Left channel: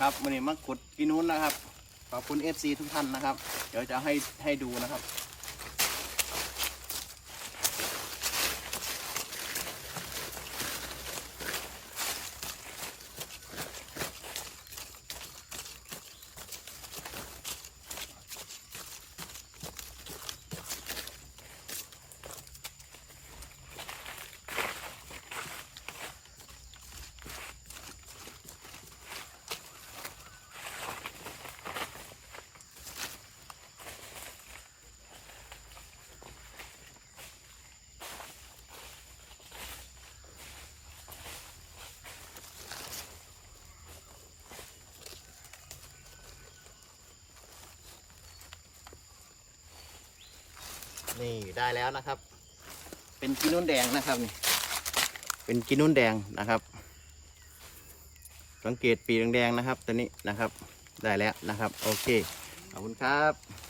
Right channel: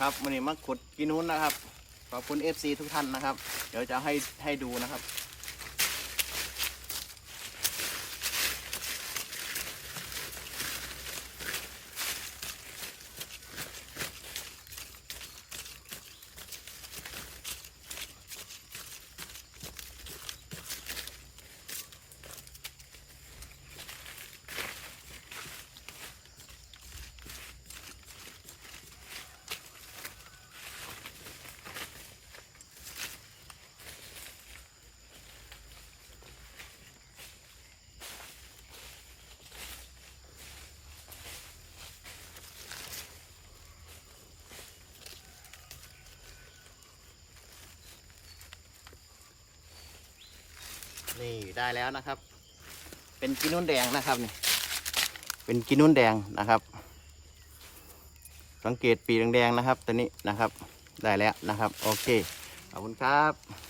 ครับวันนี้มาขุดกินนู้นนะครับขอบคุณ FC ทุกท่านนะครับ เดี๋ยวจะให้ให้ดูนะครับ นี่ได้แล้วนะครับ เป็นกินนุ่นแดงนะครับนี่เป็นกินนุ่นแดงนะครับ สังเกตปีแดงๆนะครับ ตัวนี้นะครับ ได้แล้วนะครับ โอเคขอบคุณครับ